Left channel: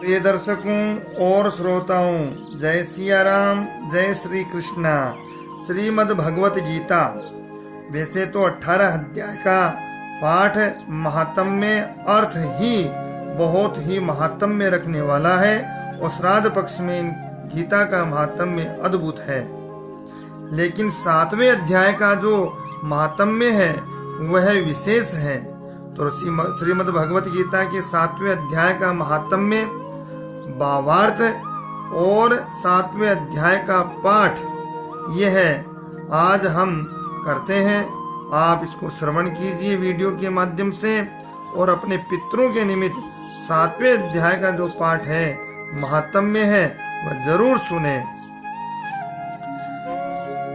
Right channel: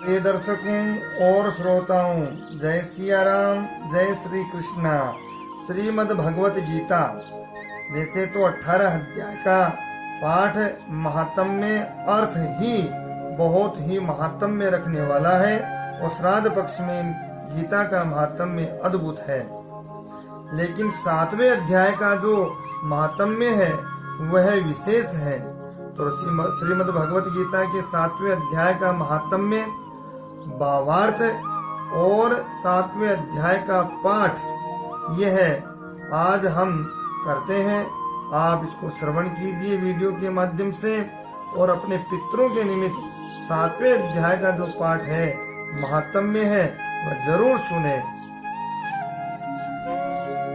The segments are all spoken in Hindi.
प्रिय दर्शकों और श्रोताओं, जय सिया राम, जय श्री कृष्णा। श्रीमद् भगवत गीता वैसे तो 18 अध्याय का पाठ महात्म्य अर्थ ही बहुत ही महात्म्य रखने वाला है और श्राद्ध पक्ष में गीता का महात्म्य अद्भुत है। लेकिन 7वें अध्याय का जो महात्म्य है वह विशेष है। तो श्रीमद् भगवत गीता के 7वें अध्याय का महात्म्य, भावार्थ और 7वें अध्याय का पाठ यह है आज हम करते हैं। आप इसको श्रवण कीजिए वीडियो के माध्यम से और अपने पितरों के निमित्त 7वें अध्याय का जो पाठ है, महात्म्य है, वह जरूर सुने।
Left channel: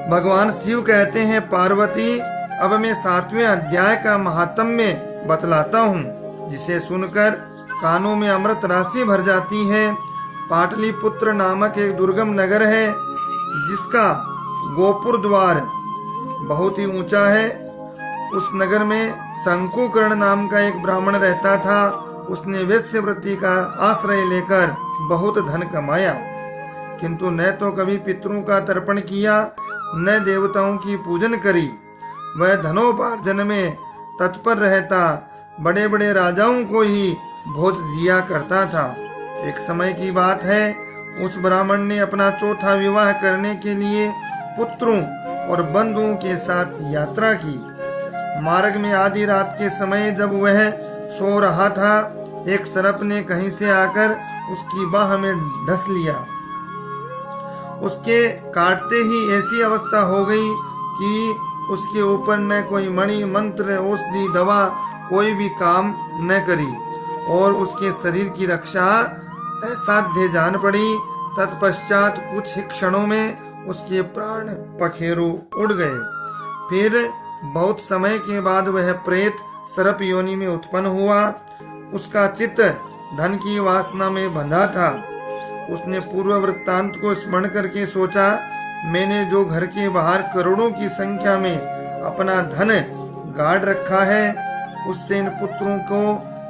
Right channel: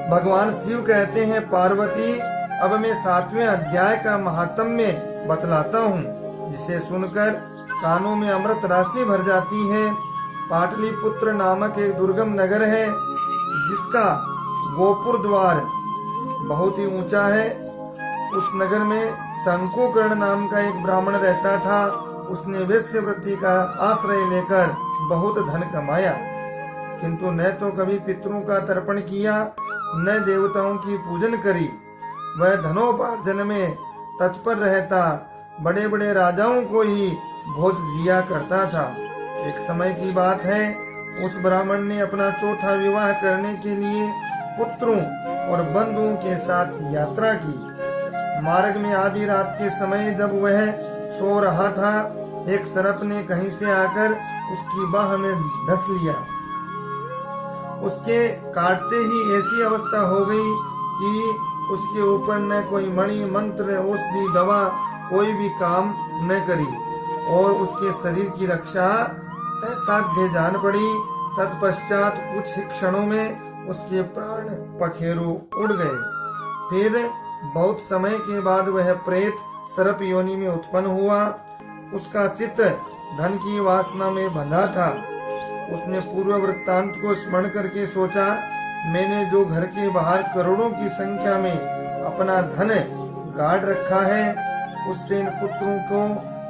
भगवान शिव कहते हैं, पार्वती अब मैं 7वें अध्याय का महात्म्य बतलाता हूँ, जिसे सुनकर कानों में अमृत राशि भर जाती है। पाटलिपुत्र नामक एक दुर्गम नगर है, जिसका गोपुर द्वार बहुत ही ऊंचा है। उस नगर में शंकुकर्ण नाम का एक ब्राह्मण रहता था। उसने वेश्यावृत्ति का आश्रय लेकर बहुत धन कमाया, किंतु न तो कभी पितरों का तर्पण किया, न देवताओं की पूजन करी। वह धनोपार्जन में तत्पर रहता, बड़े बड़े राजाओं को ही भोज दिया करता था। एक समय की बात है, उस ब्राह्मण ने अपना चौथा विवाह करने के लिए पुत्रों और बंधुओं के साथ यात्रा की। मार्ग में आधी रात के समय जब वह सो रहा था, एक सर्प ने कहीं से आकर उसकी बाह में डस लिया। उसके काटते ही ऐसी अवस्था हो गई कि उसके ऊपर न कोई मणि, मंत्र, औषधि, दवा कोई भी काम न करी और उसके शरीर की रक्षा असाध्य जान पड़ी। तत्पश्चात कुछ ही क्षणों में उसके प्राण पखेरु उड़ गए। फिर बहुत समय के बाद वह प्रेत सर्प योनि में उत्पन्न हुआ। उसका चित्त धन की वासना में बंधा था। उसने पूर्व वृत्तांत को स्मरण करके सोचा, मैंने जो घर के बाहर करोड़ों की संख्या में अपना धन गाड़ रखा है, उससे इन पुत्रों को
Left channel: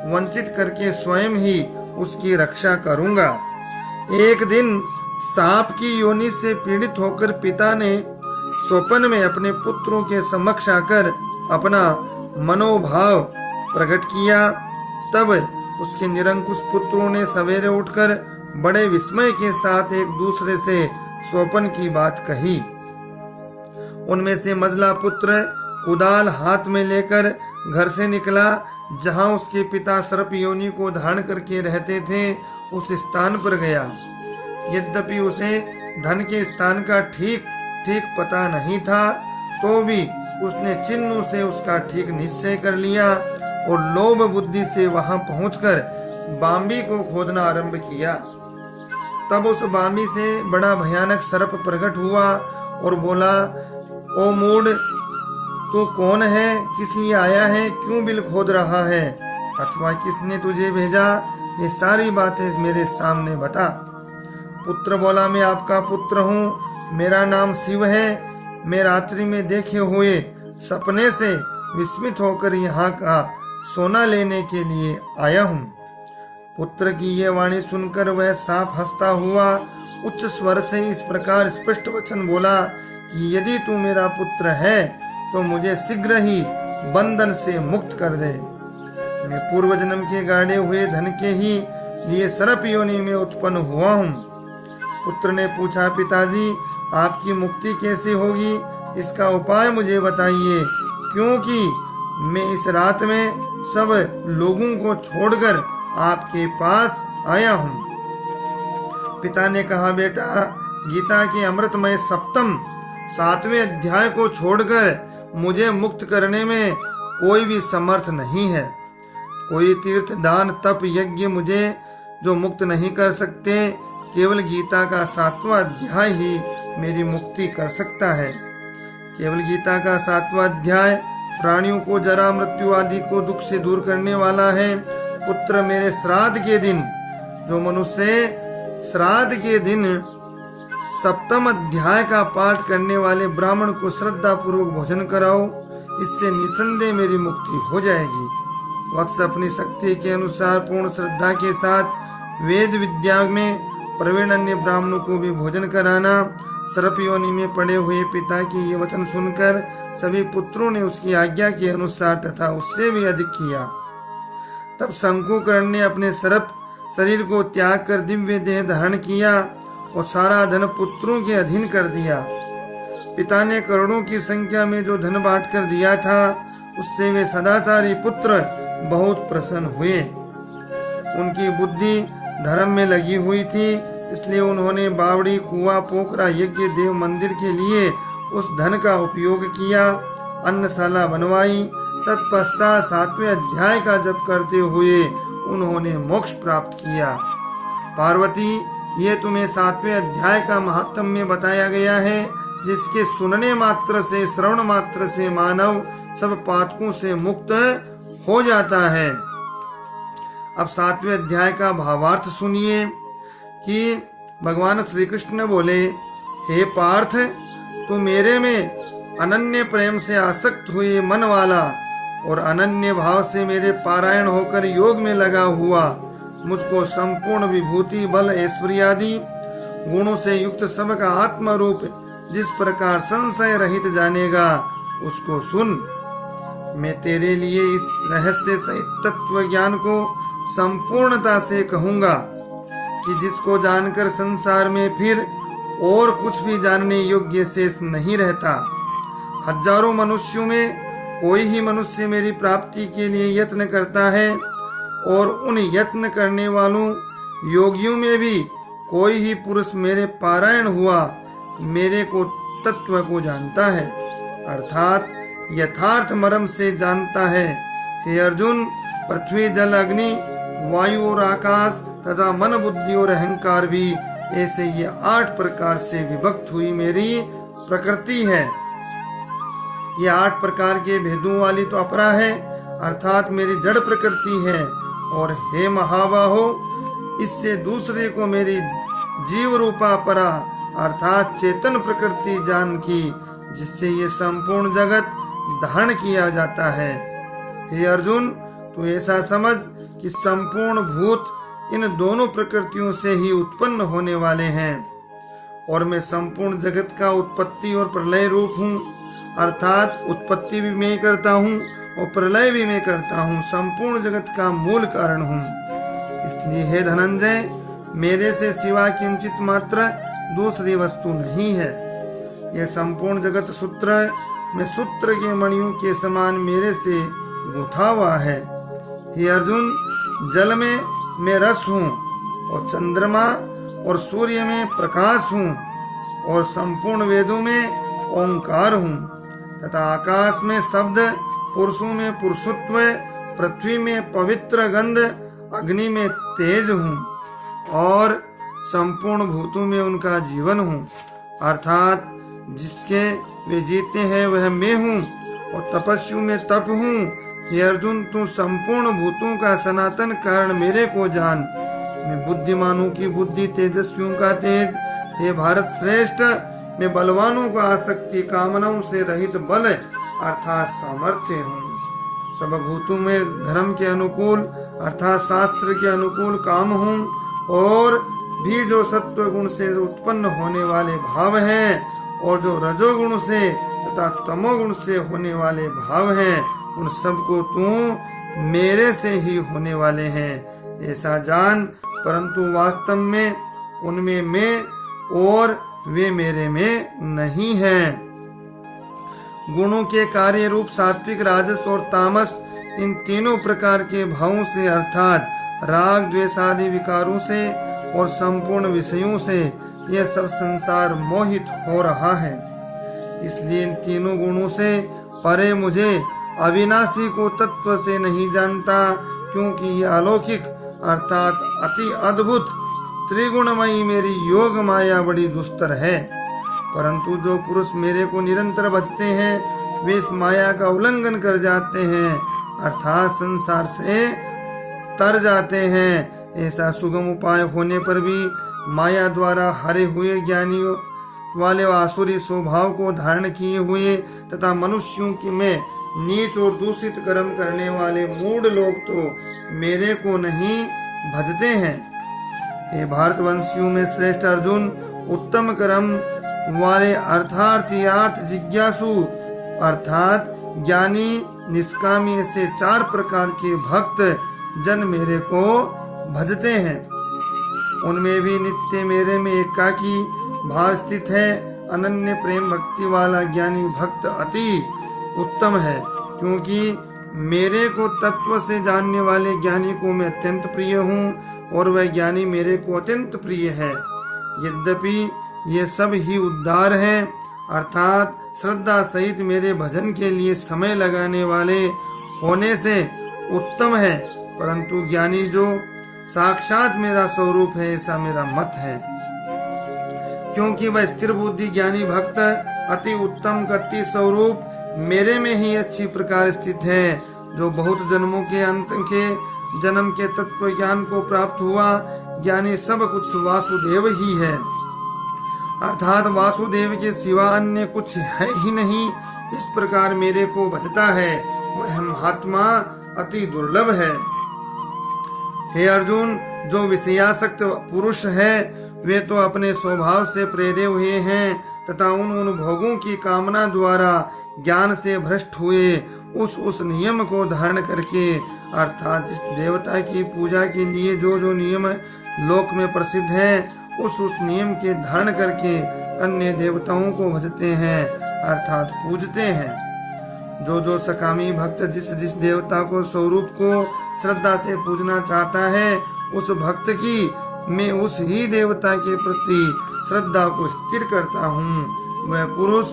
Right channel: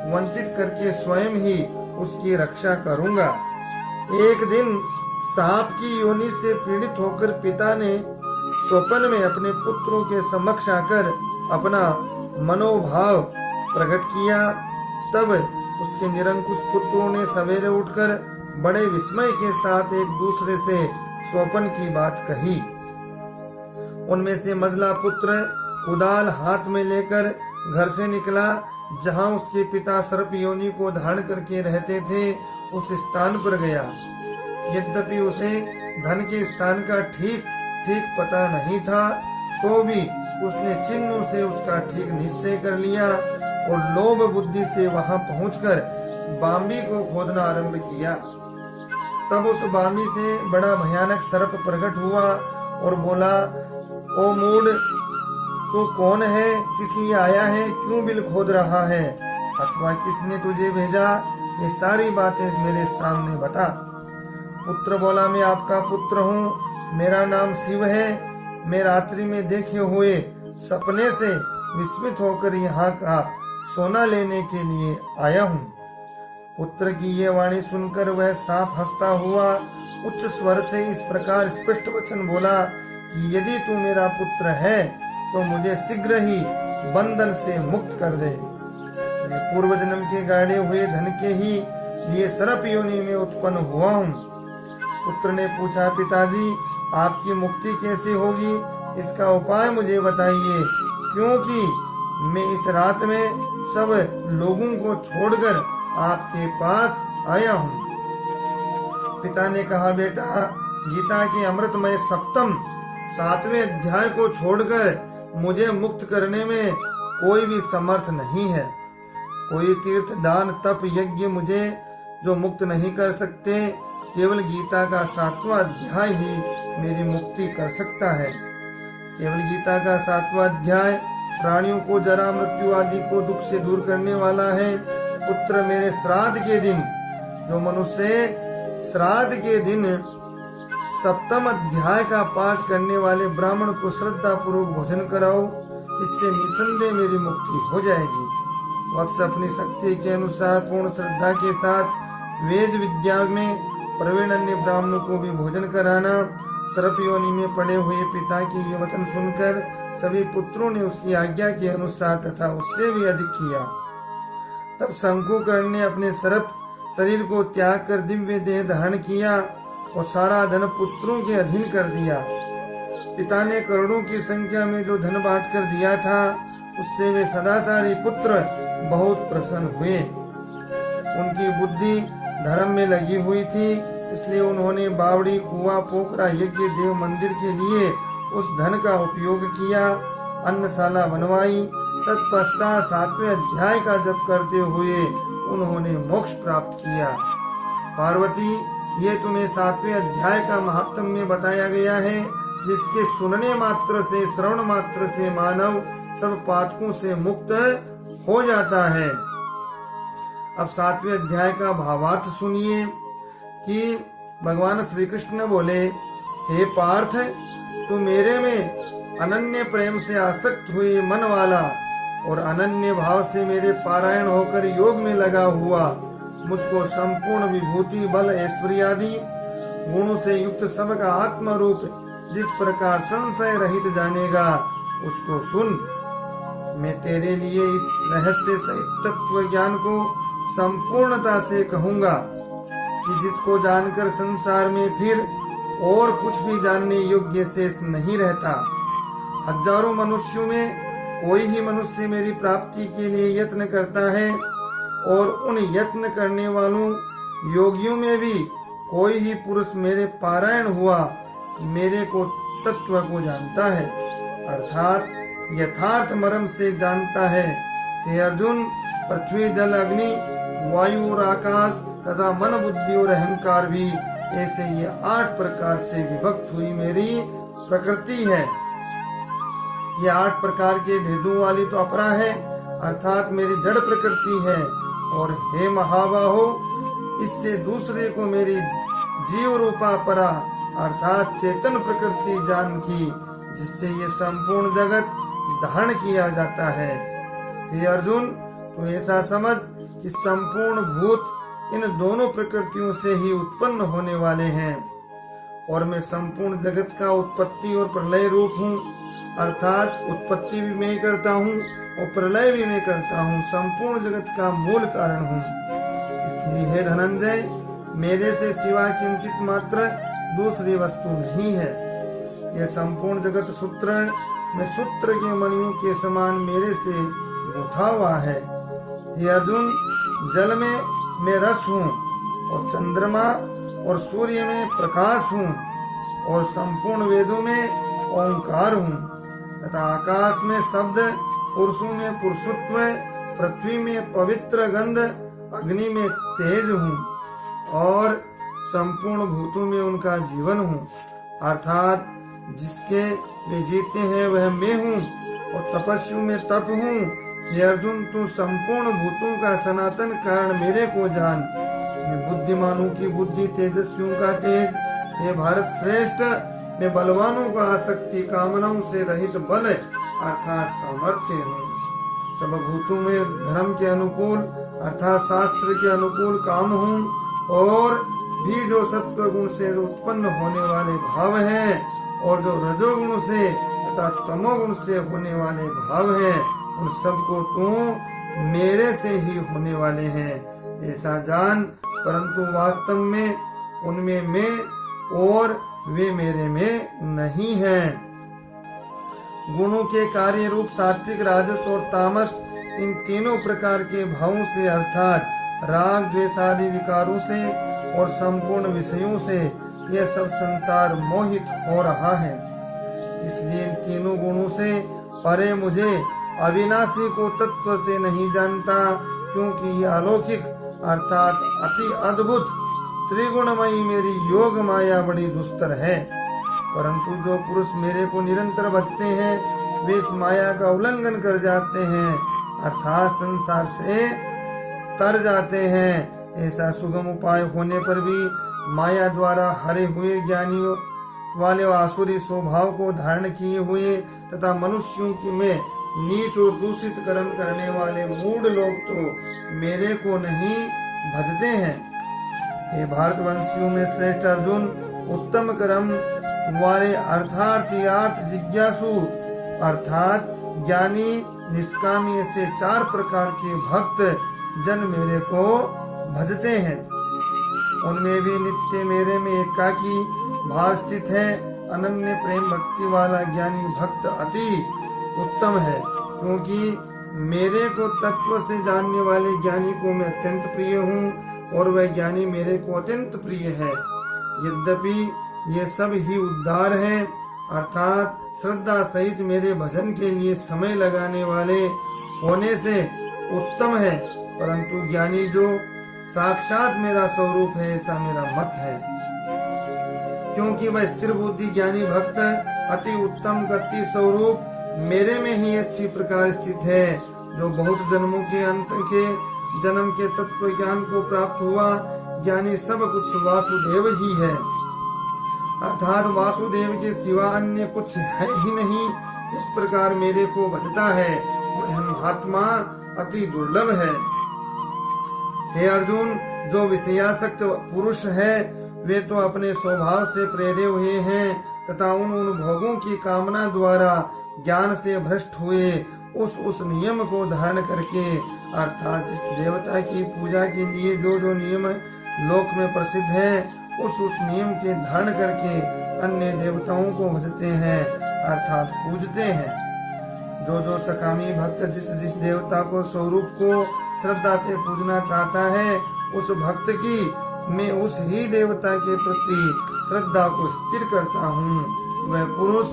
वंचित करके स्वयं ही उसकी रक्षा करूंगा। एक दिन सांप की योनि से पीड़ित होकर पिता ने स्वप्न में अपने पुत्रों के समक्ष आकर अपना मनोभाव प्रकट किया। तब उसके निरंकुश पुत्रों ने सवेरे उठकर बड़े विस्मय के साथ एक दूसरे से स्वप्न की बात कही। उनमें से मझला पुत्र कुदाल हाथ में लेकर घर से निकला, जहां उसके पिता सर्प योनि को धारण करके रहते थे, उस स्थान पर गया। यद्यपि उसे धन के स्थान का ठीक पता नहीं था, तो भी उसने चिन्ह से उसका ठीक निश्चय कर लिया और लोभ बुद्धि से वहां पहुंचकर बांबी को खोदना आरंभ किया। तब उस बांबी से बड़ा भयानक सर्प प्रकट हुआ और बोला, ओ मूढ़, तू कौन है, किस लिए आया है, क्यों बिल खोद रहा है, अथवा किसने तुझे भेजा, ये सारी बातें मेरे सामने बता। पुत्र बोला, मैं आपका पुत्र हूँ, मेरा नाम शिव है। मैं रात्रि में देखे हुए सपने से विस्मित होकर यहाँ का सोना लेने के लिए आया हूँ। पुत्र की ये वाणी सुनकर वह सांप हंसता हुआ उच्च स्वर से इस प्रकार स्पष्ट वचन बोला कि यदि तू मेरा पुत्र है तो मुझे शीघ्र ही बंधन से मुक्त कर दे। मैं पूर्व जन्म के गाड़े हुए धन के ही लिए सर्प योनि में उत्पन्न हुआ हूँ। पुत्र ने पूछा, पिताजी आपकी मुक्ति कैसे होगी, इसका उपाय मुझे बताइए, क्योंकि मैं इस रात में सब लोगों को छोड़कर आपके पास आया हूँ। पिता ने कहा, बेटा, गीता के अमृतमय 7वें अध्याय को छोड़कर मुझे मुक्त करने में कोई भी समर्थ नहीं है। कोई तीर्थ, दान, तप, यज्ञ मुझे जो मुक्त नहीं कर सकते, केवल गीता का 7वां अध्याय ही मेरी मुक्ति कर सकता है। केवल गीता का 7वां अध्याय प्राणियों को जरा, मृत्यु आदि को दुख से दूर करने वाला है। पुत्र, मेरे श्राद्ध के दिन, जो मनुष्य श्राद्ध के दिन 7वां अध्याय का पाठ करने वाले ब्राह्मण को श्रद्धा पूर्वक भोजन कराओ, इससे निसंदेह मेरी मुक्ति हो जाएगी। वत्स अपनी शक्ति के अनुसार पूर्ण श्रद्धा के साथ वेद विद्या में प्रवीण अन्य ब्राह्मणों को भी भोजन कराना। सर्प योनि में पड़े हुए पिता की ये वचन सुनकर सभी पुत्रों ने उसकी आज्ञा के अनुसार तथा उससे भी अधिक किया। तब शंकुकर्ण ने अपने सर्प शरीर को त्याग कर दिव्य देह धारण किया और सारा धन पुत्रों के अधीन कर दिया। पिता ने करोड़ों की संख्या में जो धन बांट कर दिया था उससे वे सदाचारी पुत्र बहुत प्रसन्न हुए। उनकी बुद्धि धर्म में लगी हुई थी, इसलिए उन्होंने बावड़ी, कुआं, पोखरा, यज्ञ, देव मंदिर के लिए उस धन का उपयोग किया, अन्नशाला बनवाई। तत्पश्चात 7वें अध्याय का जप करते हुए उन्होंने मोक्ष प्राप्त किया। पार्वती, ये तुम्हें 7वें अध्याय का महात्म्य बताया गया है, जिसके सुनने मात्र से, श्रवण मात्र से मानव सब पातकों से मुक्त हो जाता है। अब 7वें अध्याय का भावार्थ सुनिए कि भगवान श्री कृष्ण बोले, हे पार्थ, तू मेरे में अनन्य प्रेम से आसक्त हुए मन वाला और अनन्य भाव से मेरे पारायण होकर योग में लगा हुआ, मुझको संपूर्ण विभूति, बल, ऐश्वर्य आदि गुणों से युक्त सबका आत्म रूप जिस प्रकार संशय रहित जानेगा, उसको सुन। मैं तेरे लिए इस रहस्य सहित तत्व ज्ञान को संपूर्णता से कहूँगा कि जिसको जानकर संसार में फिर और कुछ भी जानने योग्य शेष नहीं रहता। हजारों मनुष्यों में कोई ही मनुष्य मेरी प्राप्ति के लिए यत्न करता है और उन यत्न करने वालों योगियों में भी कोई ही पुरुष मेरे पारायण हुआ मेरे को तत्व को जानता है, अर्थात यथार्थ मर्म से जानता है। हे अर्जुन, पृथ्वी, जल, अग्नि, वायु और आकाश तथा मन, बुद्धि और अहंकार भी ऐसे ये 8 प्रकार से विभक्त हुई मेरी प्रकृति है। ये 8 प्रकार के भेदों वाली तो अपरा है, अर्थात मेरी जड़ प्रकृति है। और हे महाबाहो, इससे दूसरे को मेरी जीव रूपा परा अर्थात चेतन प्रकृति जान की, जिससे ये संपूर्ण जगत धारण किया जाता है। हे अर्जुन, तू ऐसा समझ कि संपूर्ण भूत इन दोनों प्रकृतियों से ही उत्पन्न होने वाले हैं और मैं संपूर्ण जगत का उत्पत्ति और प्रलय रूप हूँ, अर्थात उत्पत्ति भी मैं करता हूँ और प्रलय भी मैं करता हूँ, संपूर्ण जगत का मूल कारण हूँ। इसलिए हे धनंजय, मेरे से सिवा किंचित मात्र दूसरी वस्तु नहीं है। यह संपूर्ण जगत सूत्र में सूत्र के मणियों के समान मेरे से गुथा हुआ है। हे अर्जुन, जल में मैं रस हूँ और चंद्रमा और सूर्य में प्रकाश हूँ और संपूर्ण वेदों में ओंकार हूँ तथा आकाश में शब्द, पुरुषों में पुरुषत्व, पृथ्वी में पवित्र गंध, अग्नि में तेज हूँ और संपूर्ण भूतों में उनका जीवन हूँ, अर्थात जिसके वे जीते हैं वह मैं हूँ और तपस्वी में तप हूँ। हे अर्जुन, तू संपूर्ण भूतों का सनातन कारण मेरे को जान। मैं बुद्धिमानों की बुद्धि, तेजस्वियों का तेज, हे भारत श्रेष्ठ, मैं बलवानों का आसक्ति, कामनाओं से रहित बल अर्थात सामर्थ्य हूँ। सब भूतों में धर्म के अनुकूल अर्थात शास्त्र के अनुकूल काम हूँ और भी जो सत्व गुण से उत्पन्न होने वाले भाव हैं और जो रजोगुण से तथा तमोगुण से होने वाले भाव हैं, उन सबको तू मेरे से ही होने वाले हैं ऐसा जान, परंतु वास्तव में उनमें मैं और वे मेरे में नहीं हैं। गुणों के कार्य रूप सात्विक, राजस और तामस, इन तीनों प्रकार के भावों से अर्थात राग, द्वेष आदि विकारों से और संपूर्ण विषयों से यह सब संसार मोहित हो रहा है। इसलिए इन तीनों गुणों से परे मुझे अविनाशी को तत्व से नहीं जानता, क्योंकि यह अलौकिक अर्थात अति अद्भुत त्रिगुणमयी मेरी योग माया बड़ी दुस्तर है। परंतु जो पुरुष मेरे को निरंतर भजते हैं वे इस माया का उल्लंघन कर जाते हैं अर्थात संसार से तर जाते हैं। ऐसा सुगम उपाय होने पर भी माया द्वारा हरे हुए ज्ञानियों वाले आसुरी स्वभाव को धारण किए हुए तथा मनुष्यों की में नीच और दूषित कर्म करने वाले मूढ़ लोग तो मेरे को नहीं भजते हैं। हे भारतवंशियों में श्रेष्ठ अर्जुन, उत्तम कर्म वाले अर्थार्थ जिज्ञासु अर्थात ज्ञानी निष्कामी से 4 प्रकार के भक्त जन मेरे को भजते हैं। उनमें भी नित्य मेरे में एकाकी भाव स्थित है। अनन्य प्रेम भक्ति वाला ज्ञानी भक्त अति उत्तम है, क्योंकि मेरे को तत्व से जानने वाले ज्ञानी को मैं अत्यंत प्रिय हूँ और वह ज्ञानी मेरे को अत्यंत प्रिय है। यद्यपि ये सब ही उद्धार हैं, अर्थात श्रद्धा सहित मेरे भजन के लिए समय लगाने वाले होने से उत्तम है, परंतु ज्ञानी जो साक्षात मेरा स्वरूप है ऐसा मेरा मत है। क्योंकि वह स्थिर बुद्धि ज्ञानी भक्त अति उत्तम गति स्वरूप मेरे में ही अच्छी प्रकार स्थित है, जो बहुत जन्मों के अंत के जन्म के तत्व ज्ञान को प्राप्त हुआ ज्ञानी सब कुछ वासुदेव ही है, अर्थात वासुदेव के सिवा अन्य कुछ है ही नहीं। इस प्रकार मेरे को भजता है वह महात्मा अति दुर्लभ है। हे अर्जुन, जो विषयासक्त पुरुष है वे तो अपने स्वभाव से प्रेरे हुए हैं तथा उन भोगों की कामना द्वारा ज्ञान से भ्रष्ट हुए उस नियम को धारण करके, अर्थात जिस देवता की पूजा के लिए जो नियम लोक में प्रसिद्ध है उस नियम के धारण करके अन्य देवताओं को भजते हैं, अर्थात पूजते हैं। जो सकामी भक्त जिस देवता को स्वरूप को श्रद्धा से पूजना चाहता है, उस भक्त की मैं उस ही देवता के प्रति श्रद्धा को स्थिर करता हूँ। वह पुरुष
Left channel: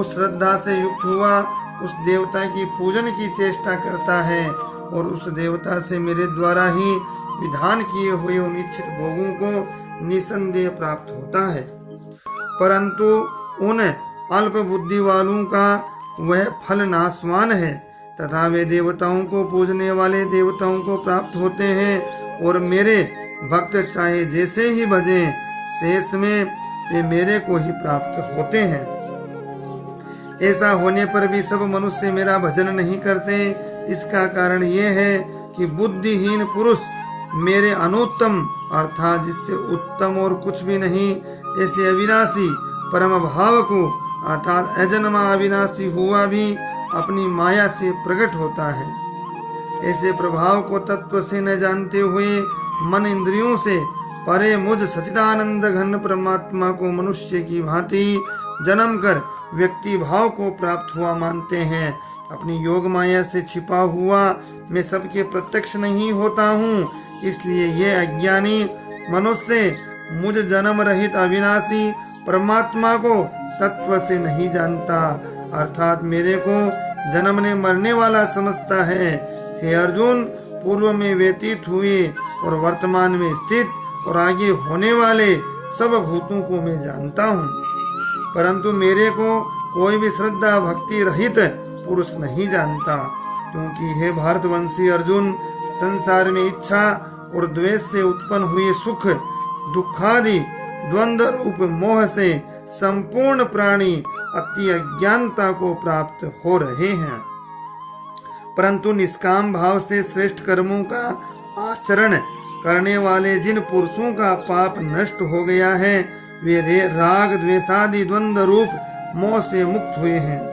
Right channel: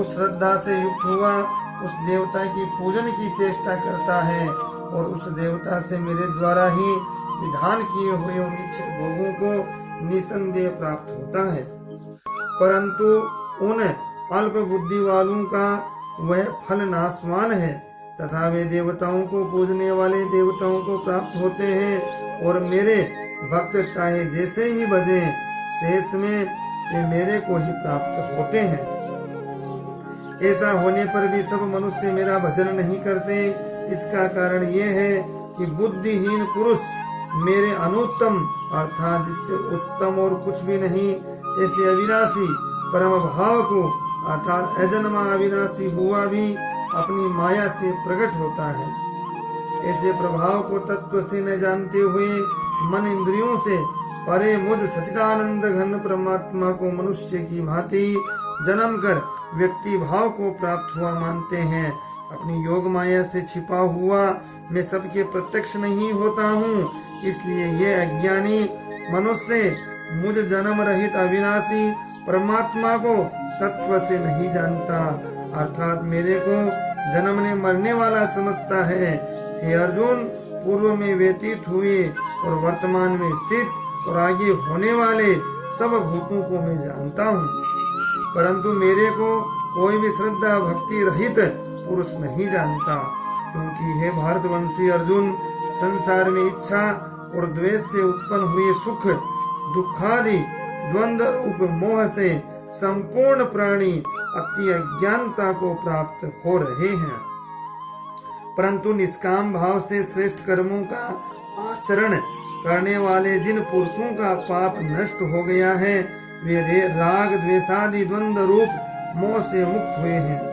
उस श्रद्धा से युक्त हुआ उस देवता की पूजन की चेष्टा करता है और उस देवता से मेरे द्वारा ही विधान किए हुए उन इच्छित भोगों को निसंदेह प्राप्त होता है। परंतु उन अल्प बुद्धि वालों का वह फल नाशवान है तथा वे देवताओं को पूजने वाले देवताओं को प्राप्त होते हैं और मेरे भक्त चाहे जैसे ही भजे शेष में वे मेरे को ही प्राप्त होते हैं। ऐसा होने पर भी सब मनुष्य मेरा भजन नहीं करते। इसका कारण ये है कि बुद्धिहीन पुरुष मेरे अनुत्तम अर्थात जिससे उत्तम और कुछ भी नहीं ऐसे अविनाशी परम भाव को अर्थात अजन्मा अविनाशी हुआ भी अपनी माया से प्रकट होता है। ऐसे प्रभाव को तत्व से न जानते हुए मन इंद्रियों से परे मुझ सच्चिदानंद घन परमात्मा को मनुष्य की भांति जन्म कर व्यक्ति भाव को प्राप्त हुआ मानते हैं। अपनी योग माया से छिपा हुआ मैं सबके प्रत्यक्ष नहीं होता हूँ, इसलिए ये अज्ञानी मनुष्य मुझ जन्म रहित अविनाशी परमात्मा को तत्व से नहीं जानता, अर्थात मेरे को जन्मने मरने वाला समझता है। हे अर्जुन, पूर्व में व्यतीत हुए और वर्तमान में स्थित और आगे होने वाले सब भूतों को मैं जानता हूँ, परंतु मेरे को कोई भी श्रद्धा भक्ति रहित पुरुष नहीं जानता। क्योंकि हे भारतवंशी अर्जुन, संसार में इच्छा और द्वेष से उत्पन्न हुए सुख दुखादि द्वंद्व रूप मोह से संपूर्ण प्राणी अति अज्ञानता को प्राप्त हो रहे हैं, परंतु निष्काम भाव से श्रेष्ठ कर्मों का आचरण करने वाले जिन पुरुषों का पाप नष्ट हो गया है वे राग द्वेषादि द्वंद्व रूप मोह से मुक्त हुए हैं।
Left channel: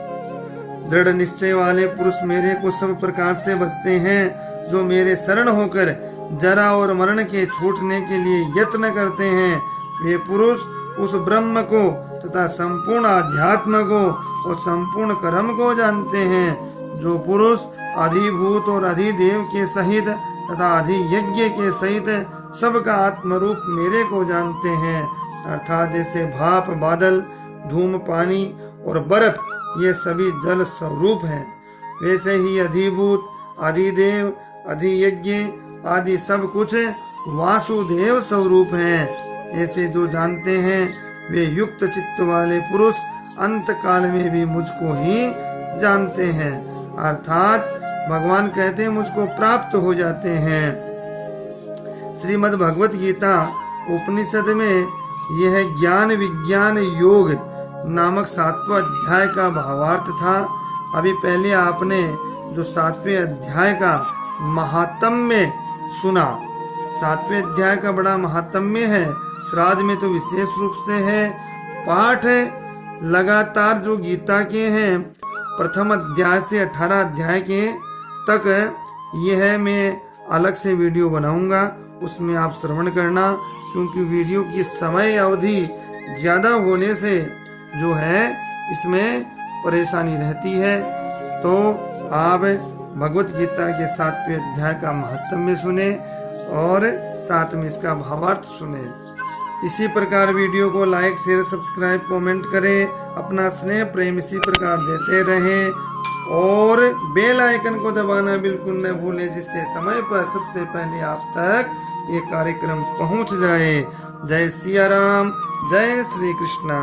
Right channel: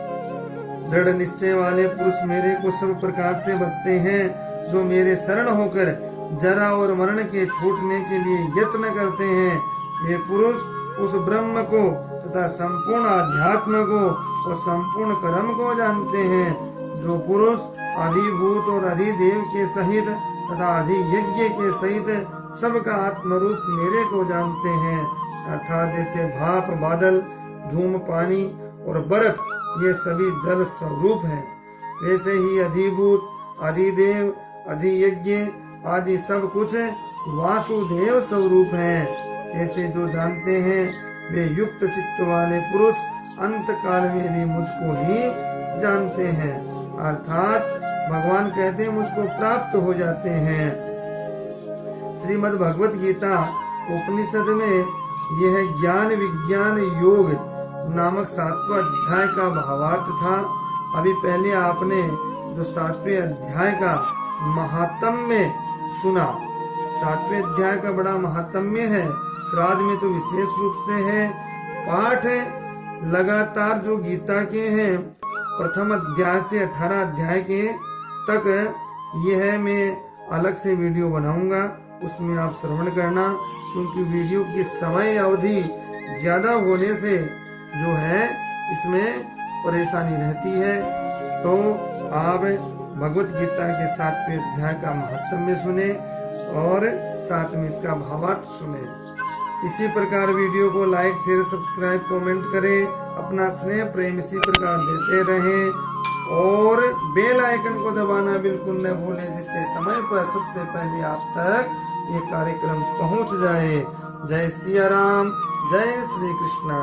दृढ़ निश्चय वाले पुरुष मेरे को सब प्रकार से बचते हैं। जो मेरे शरण होकर जरा और मरण के छूटने के लिए यत्न करते हैं वे पुरुष उस ब्रह्म को तथा संपूर्ण अध्यात्म को और संपूर्ण कर्म को जानते हैं। जो पुरुष अधिभूत और अधिदेव के सहित तथा अधियज्ञ के सहित सबका आत्मरूप मेरे को जानते हैं, अर्थात जैसे भाप बादल धूम पानी और बर्फ ये सभी जल स्वरूप हैं, वैसे ही अधिभूत अधिदेव अधियज्ञ आदि सब कुछ वासुदेव स्वरूप हैं। ऐसे जो जानते हैं वे युक्त चित्त वाले पुरुष अंत काल में भी मुझको ही जानते हैं, अर्थात भगवान कहते हैं मुझको प्राप्त हो जाते हैं। श्रीमद् भगवत गीता उपनिषद में यह ज्ञान विज्ञान योग नामक 7वां अध्याय का भावार्थ था। अभी पहले आपने जो 7वें अध्याय का महात्म्य सुना, 7वें अध्याय का बड़ा महात्म्य है, श्राद्ध में तो विशेष रूप से है। पाठ लगातार जो गीता के हैं प्रथम अध्याय से 18 अध्याय के तक, यह मैं अलग से वीडियो बनाऊंगा, उसमें आप श्रवण करना, क्योंकि वीडियो की समय अवधि ज्यादा होने से जो है इसमें परेशानी रहती है। तो आप भगवत गीता के 7वें अध्याय का महत्व सुने और साथ में इसका भावार्थ सुने। इसी प्रकार वीडियो को लाइक शेयर सब्सक्राइब कमेंट करें, अपना स्नेह प्रेम इसी प्रकार देते रहें और बेल आइकन को दबाना बिल्कुल न भूलें, जिससे समय पर सबसे पहले आप तक ये कार्यक्रम पहुंच जाए। जय सिया राम, जय श्री कृष्णा।